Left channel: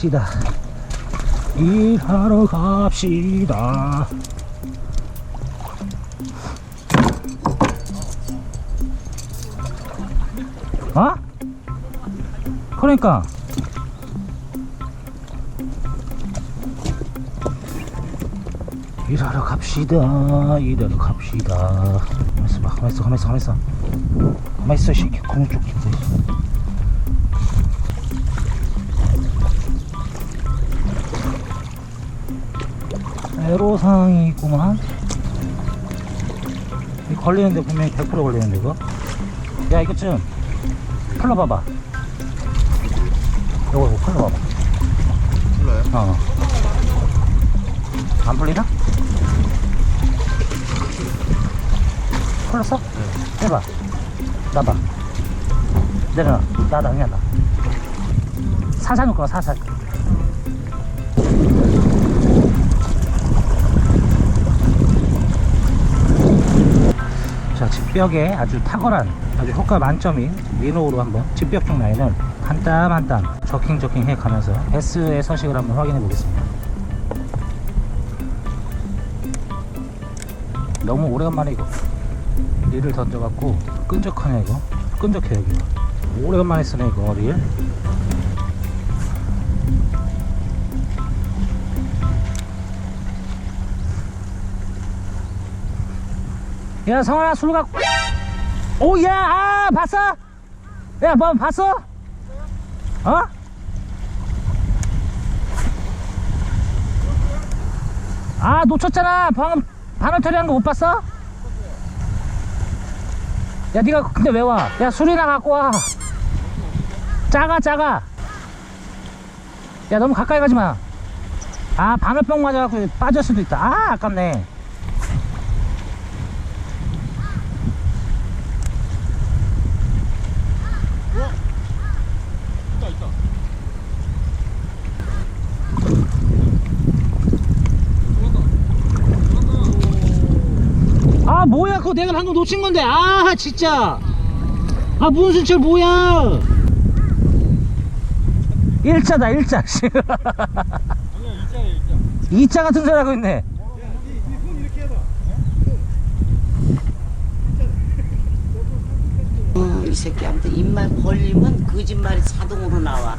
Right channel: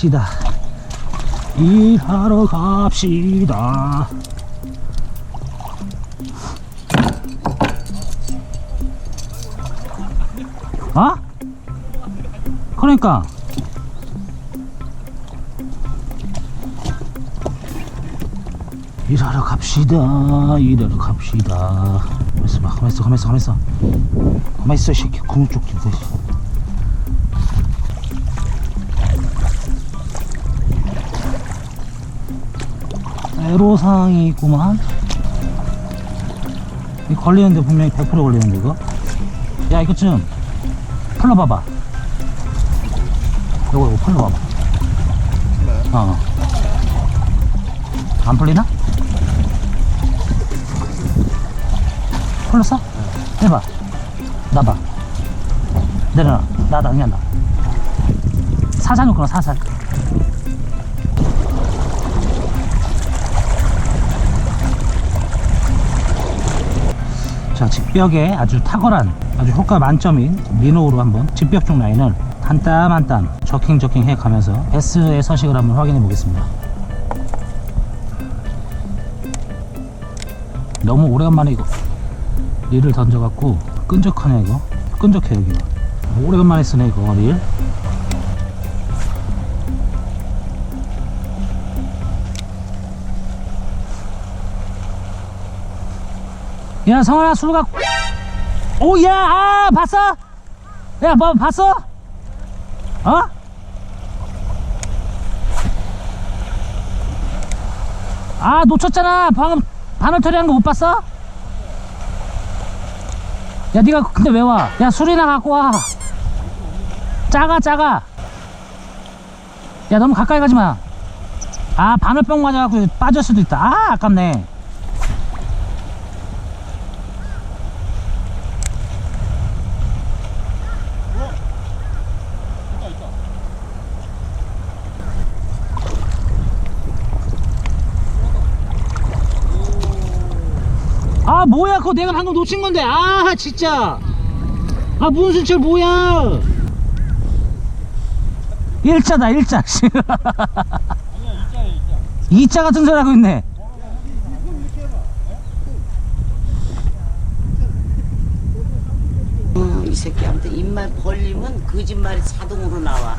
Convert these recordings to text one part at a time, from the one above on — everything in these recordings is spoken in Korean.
갑시다. 일하러 갑시다. 어? 그러니까. 일하러 갑시다. 일하러 갑시다. 가만있어 봐. 가만있어, 가만있어, 가만있어. 가만있어, 이 새끼. 구멍 쪽 집대. 애로사항이 있구만. 걸리는데 분명히 100% 걸리는데 이거. 야 이거 좀 풀러봐봐. 이거 이거 풀러봐봐. 풀려요? 어. 안 풀리나? 풀렸어? 해봐. 나봐. 내려놔. 나다 그냥 나. 사산 있구나 사산. 자 직벽에 아주 탁월한 아주 효과 만점인 리노우로 한번 직벽 쪽 라인을 한 땀 한 땀 저킹 저킹 해 가면서 베스의 서식을 한번 확인해 보겠습니다. 너무 오래간만에 이거 릴을 던져갖고 끈적하네 이거. 끈적해 여기 오래간만에 쓰네 이거 릴 야 성환아 술 갖고 오야 아 봤어? 야 뭐 봤어? 어? 아 놓쳤잖아 방금 바늘 처리한 거 못 봤어? 야 니가 근데 왜 와? 야 술이나 갖고 와 작아 작아 야 너무 가까이 가지 마 아 바늘병 맞아갖고 빠질 수도 있다 아 아깝네 아 뭐야? 그거 내가 방금 놓친 건데. 아 진짜. 아 문순철 뭐야? 일자다 일자. 씨. 아니야 이자야 이자. 이자 같은 소리 하고 있네. 어, 이 새끼 아무튼 입만 벌리면 거짓말이 자동으로 나와.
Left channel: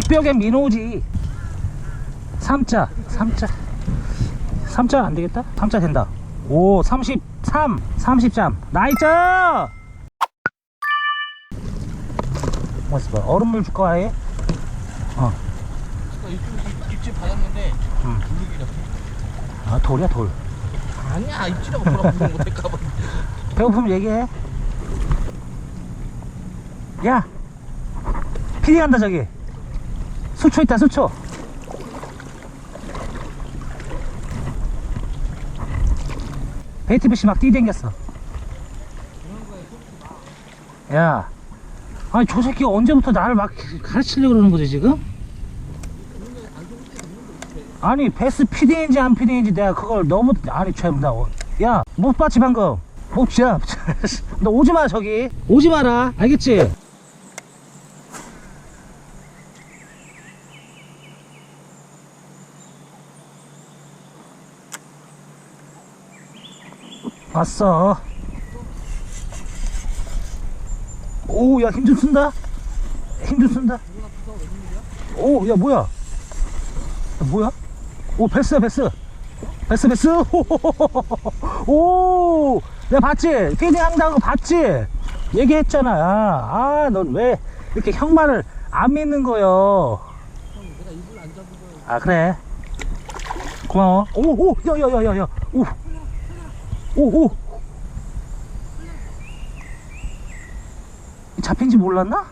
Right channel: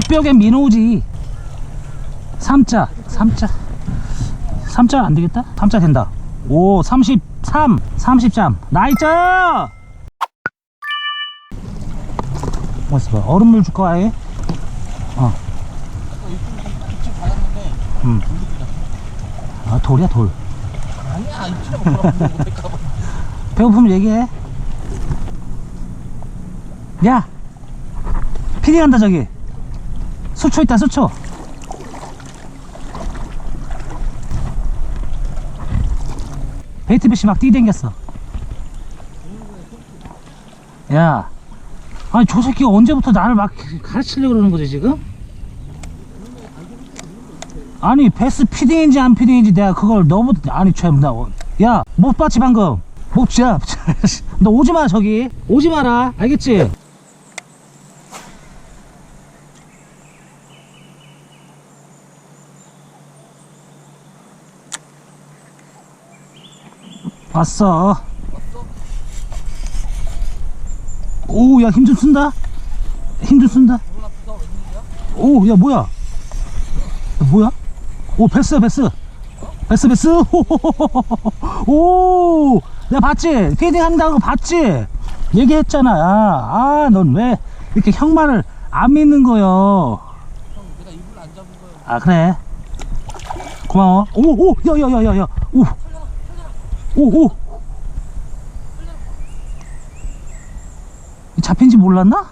직벽엔 민호지. 삼자, 삼자. 삼자 안 되겠다? 삼자 된다. 오, 33, 30점. 나이스! 멋있어. 얼음물 줄까, 아예? 어, 입질 받았는데 음. 아, 돌이야, 돌. 아니야 입질하고 구경 못할까봐 배고프면 얘기해. 야! 피디 간다, 저기. 수초 있다, 수초. 베이트배시 막 뛰댕겼어. 야. 아니, 저 새끼 언제부터 나를 막 가르치려고 그러는 거지, 지금? 아니, 베스 피딩인지 안 피딩인지 내가 그걸 너보다, 아니, 참, 나, 어- 야, 못 봤지, 방금? 못, 야, 너 오지 마, 저기. 오지 마라. 알겠지? 왔어. 오, 야, 힘 좀 쓴다? 힘 좀 쓴다? 오, 야, 뭐야? 야, 뭐야? 오, 베스야, 베스. 베스, 베스. 오, 내가 봤지? 피딩 한다는 거 봤지? 얘기했잖아. 아, 넌 왜 이렇게 형 말을 안 믿는 거요? 아 그래 고마워 오오 야야야야야 오 오오 잡힌지 몰랐나?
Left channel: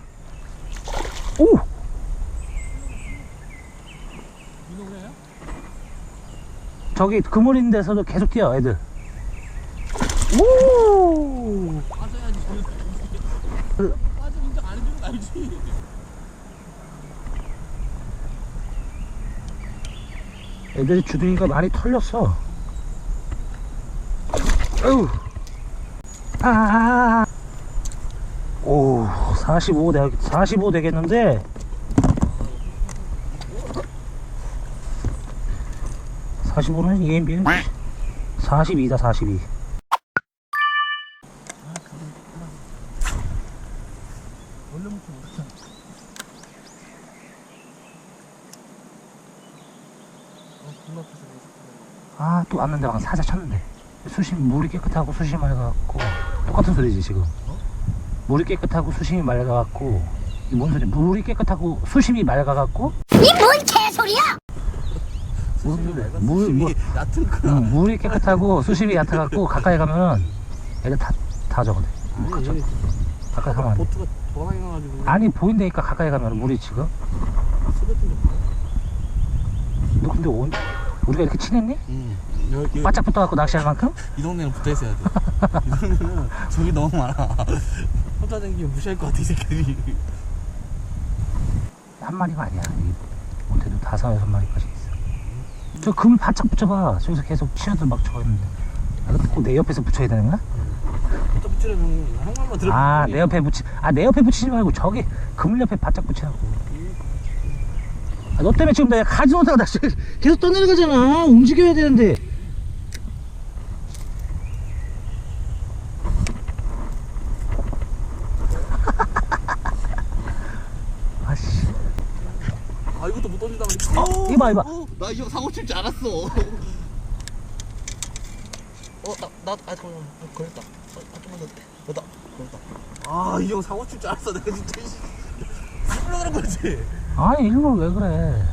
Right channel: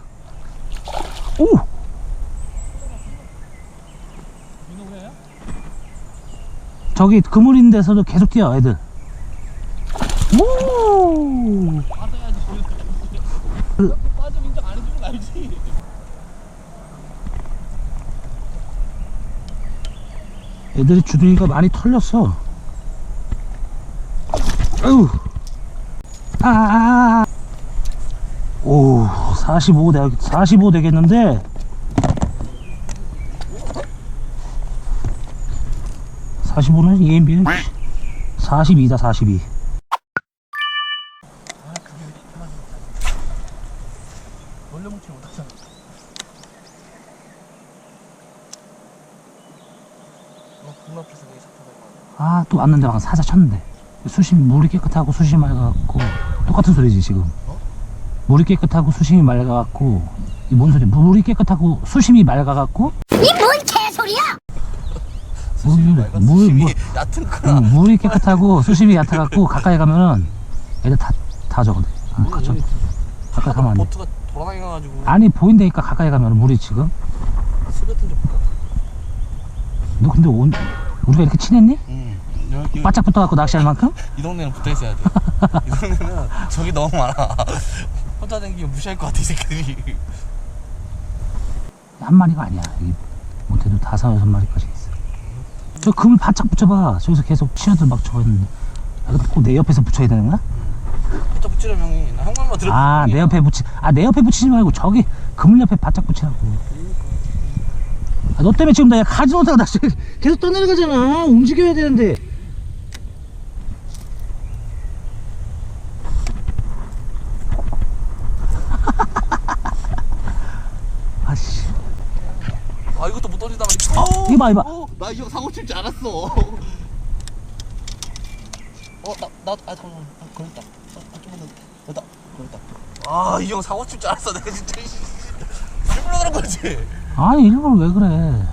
오? 저기 그물 있는 데서도 계속 뛰어 애들 오 빠져야지 그- 빠져 인정 안 해주는 거 알지? 애들이 주둥이가 많이 털렸어 오, 45 되, 45 되겠는데. 45는 EMB는 42다, 42. 아 그게 편하지 원래 뭉치 못하잖아 어 눈앞에서 왜 자꾸 아, 또 왔는데 방금 사자 쳤는데. 수심, 물이 깨끗하고 수심이 맑아갖고. 똑같은 소리지, 지금. 어? 물이 깨끗하고 수심이 맑아갖고. 이 뭔 소리? 물이 깨끗하고 수심이 맑아갖고. 수심이 물, 맑아 물, 수심이 뭐- 얕은 거야 음, 물이 깨끗하고 수심이 얕아갖고 가까이 가면은 애들 다, 다 저거돼. 아, 뭐야, 그쵸. 얘 가까이 가면 안 돼. 보트가 돌아다녀가지고 아니, 보인다니까 가까이 가면 물이 지금. 봐. 너 근데 온, 우리가 이렇게 친했니? 응 여기 바짝 붙어갖고 낚시할 만큼? 이 동네는 붙어 있어야 돼. 이 동네는 저기 너무 많아. 혼자 다니기면 무시할 것 같아 이 새끼들이. 한 마리가 아니야. 이 못해도 다섯, 여섯 마리까지 있어. 저 금을 바짝 붙여봐. 저기서 계속 치어들 막 있는데. 아, 근데 꼭내 옆에서 붙여야 되는 거야? 혼자 붙이려면 형이 나형 말만 들어. 아, 내 옆에 붙이, 아, 내 옆에 붙이지 말고 저기 그물 옆에 바짝 붙이라고. 아, 너 때문에 지금 나 가지 못하고 낚시 계속 떠내려가잖아. 움직여야 되는데. 아씨. 아 이것도 못 던진다 말 이봐, 이봐. 나 이 형 사고 칠 줄 알았어. 어나나아 잠깐만 아, 걸렸다. 어, 아, 좀만 더. 됐다. 걸렸다. 아이 형 사고 칠 줄 알았어. 내가 진짜 씨. 일부러 그런 거지. 아니, 일부러 왜 그래.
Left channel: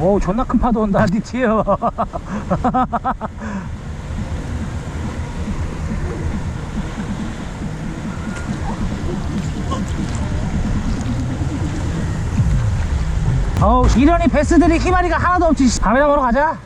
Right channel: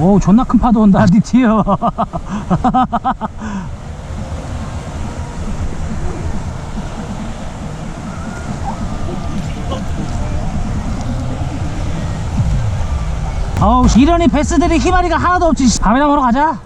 어우 존나 큰 파도 온다 니 뒤에 와. 어우 이러니 베스들이 희마리가 하나도 없지 씨. 밤에나 먹으러 가자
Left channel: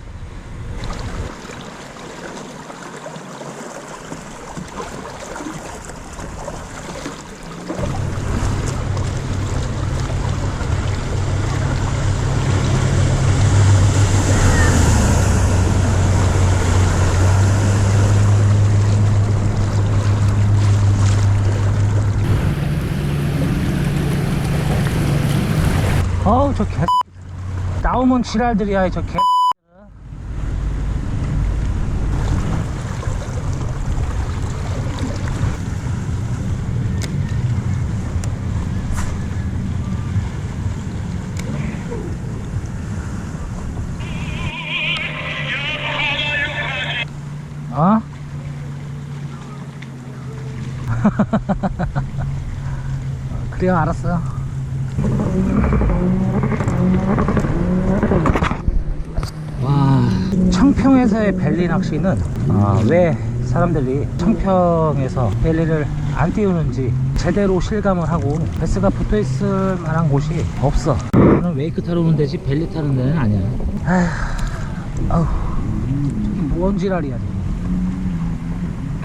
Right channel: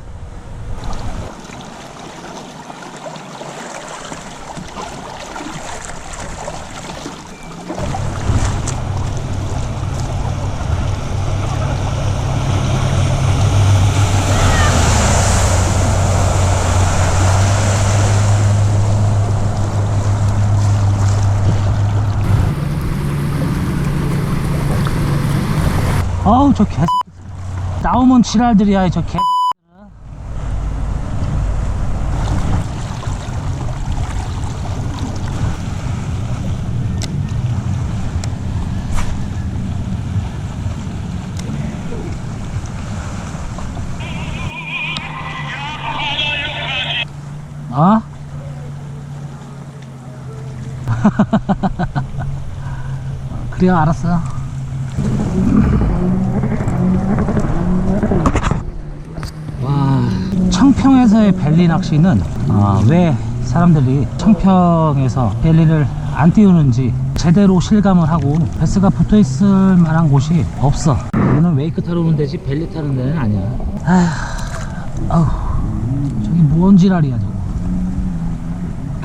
저 개 나오면 지랄들이야 저 개. 어? 그래요 알았어 와 청평에서의 벨리 낚시는 어, 왜 사람들이 청평에서 벨리를 안 띄우는지 제대로 실감을 하고 베스가 붙어 있을 만한 곳이 없어. 여기는 웨이크 타러 오는 데지 벨리 타는 데는 아니야. 아휴 아우 저기 뭔 지랄이야 저거.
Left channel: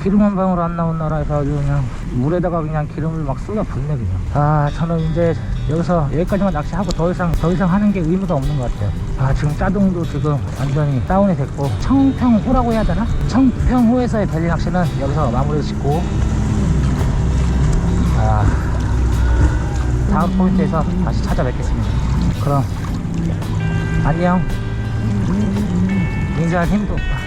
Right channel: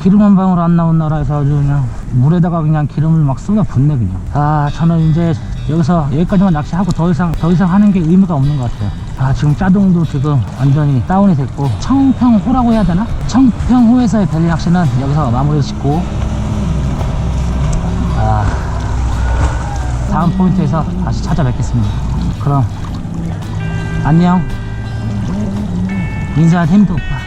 기름 한 방울 안 나온 나라에서 아주 그냥 물에다가 그냥 기름을 막 쏟아 붓네 그냥. 아 저는 이제 여기서 여기까지만 낚시하고 더 이상 더 이상 하는 게 의미가 없는 것 같아요. 아 지금 짜동도 지금 완전히 다운이 됐고 청평호라고 해야 되나? 청평호에서의 벨리 낚시는 여기서 마무리 짓고 아 다음 포인트에서 다시 찾아뵙겠습니다. 그럼 안녕. 인사 힘도 없다